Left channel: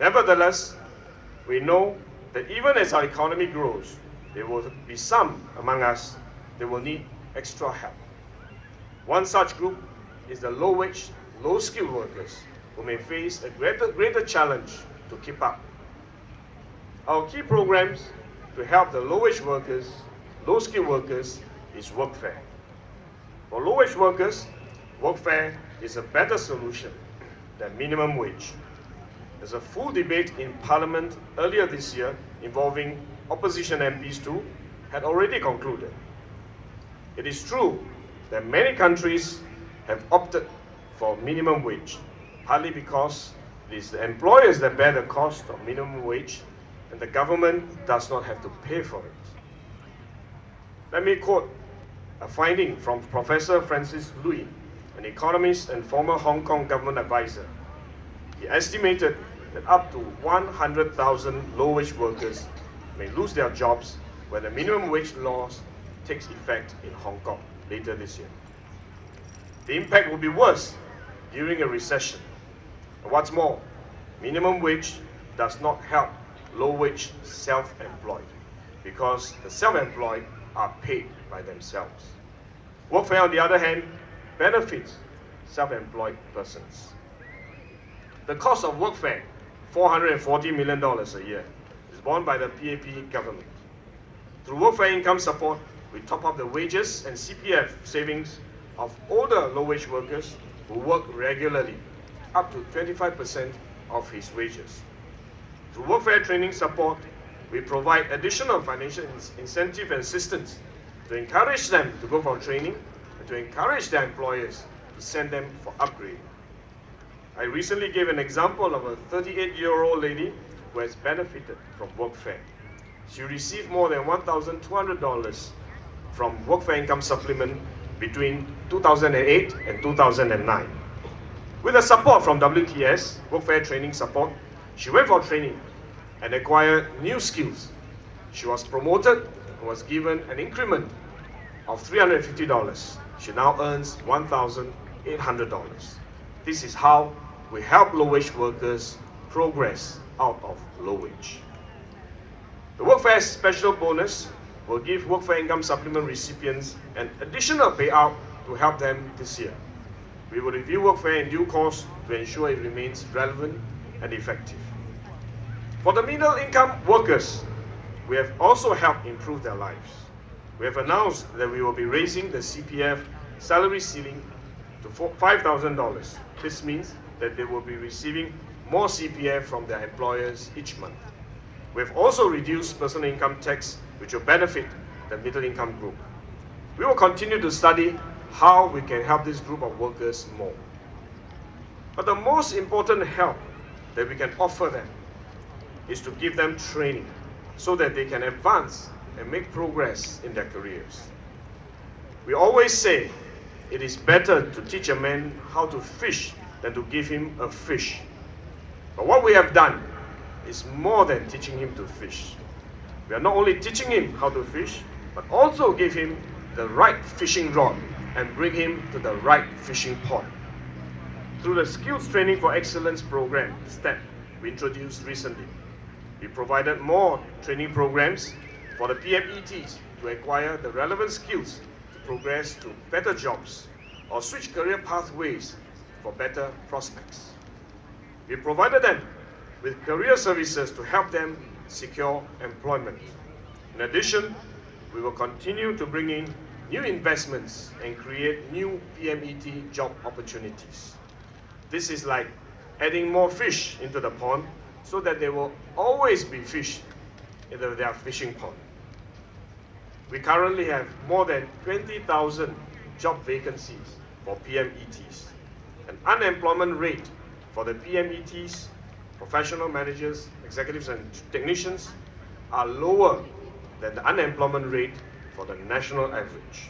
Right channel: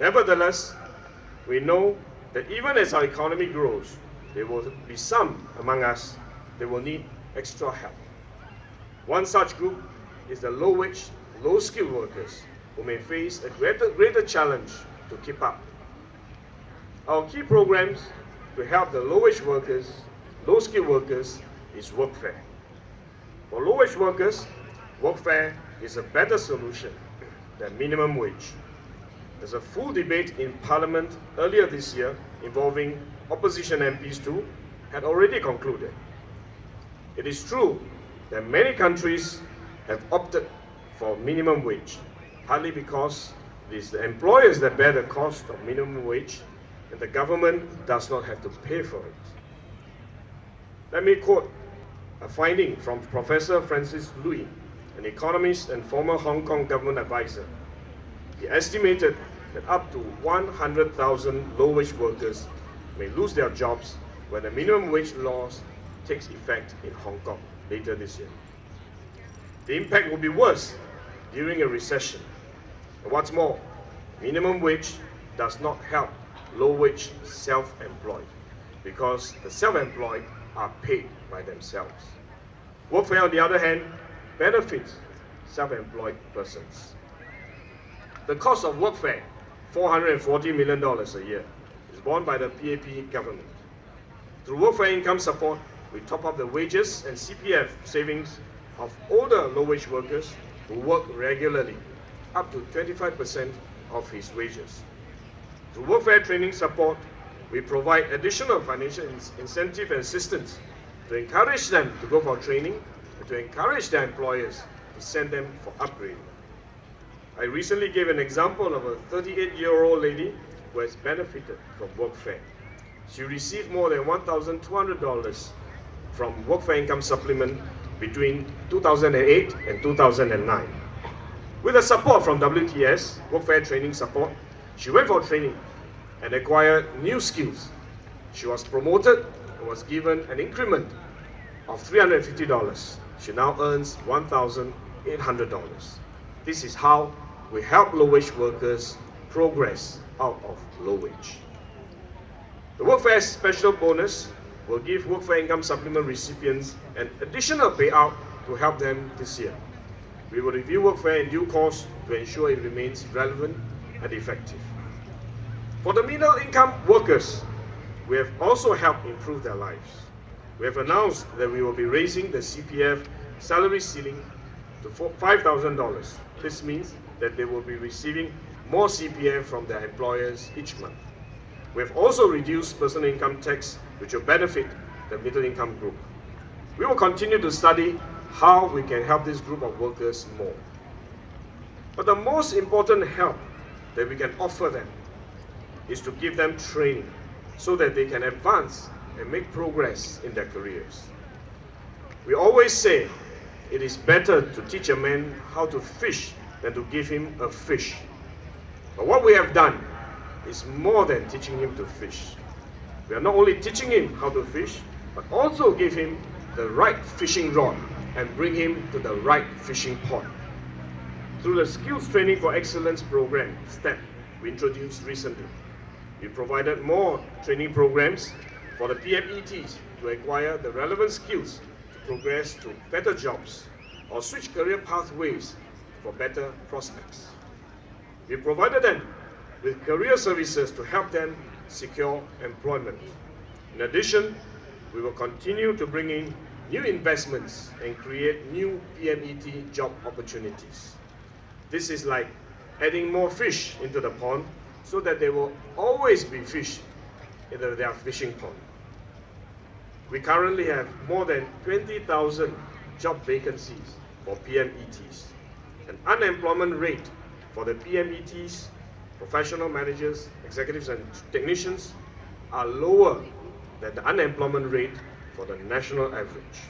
Nevertheless, we know that even as our economy grows, there will be some among us that will need extra help. One such group is the low-wage, low-skilled workers who may face a greater challenge to keep up. Our key programs to help the low-wage workers, low-skilled workers is Workfare. For low-wage workers, Workfare is a better solution than minimum wage. There's a full debate in Parliament earlier this year involving opposition MPs too, had already concluded. It is true that many countries have opted for minimum wage, partly because it is the employers that bear the cost of minimum wage and the government does not have to pay for it. Let me quote a finding from Professor Francis Lui, an economist and former Hong Kong government advisor. He estimated that up to 100,000 low-wage workers may lose their jobs when the minimum wage laws takes effect in Hong Kong later this year. The impact will be worse during a recession. And what's more, minimum wage does not help low-wage self-employed because the self-employed are paid by themselves. Workfare, on the other hand, benefits self-employed persons. The cost of Workfare, $440 million a year, is borne by the PAP government. Through Workfare income support, we top up the wages and CPF savings of older low-wage workers who work regularly, up to 25% of his wages. Through Workfare training support, we provide additional financial incentive and assistance to encourage them to go for training and to encourage their employers to send them for upgrading. I recently gave an example of a 38-year-old lady who has benefited from Workfare. She received more than $1,200 from Workfare income supplement between 2008 and 2009. With the support from WTS, Workfare training support, she went for training and acquired new skills. She was promoted and was given an increment of $350. She now earns $1,800. This is how we help low-wage workers progress out of low wage. The Workfare special bonus will give Workfare income supplement recipients an additional payout to help them this year. We will review Workfare in due course to ensure it remains relevant and effective. For the middle income workers, we have also helped improve their lives. We have announced that we will be raising the CPF salary ceiling to $5,000. This means that they will be receiving more CPF from their employers each month. We have also reduced personal income tax, which will benefit the middle income group. We will continue to study how we can help this group of workers more. But the most important help that we can offer them is to give them training so that they can advance and make progress in their careers. We always say it is better to teach a man how to fish than to give him a fish. But what we have done is more than teaching him to fish. We are not only teaching him how to fish, but also give him the right fishing rod and bring him to the right fishing pond. Through the Skills Training for Excellence program, STEP, we introduced recently, we provided more training programs for the PMETs to acquire the relevant skills to progress to better jobs or switch career pathways for better prospects. We provided them with career services to help them secure employment. In addition, we will continue to bring in new investments and create new PMET job opportunities. This is like adding more fish into the pond so that there will always be fish in their fishing pond. We currently have more than 20,000 job vacancies for PMETs. An unemployment rate for the PMETs, professional managers, executives and technicians are lower than the unemployment rate for the national average.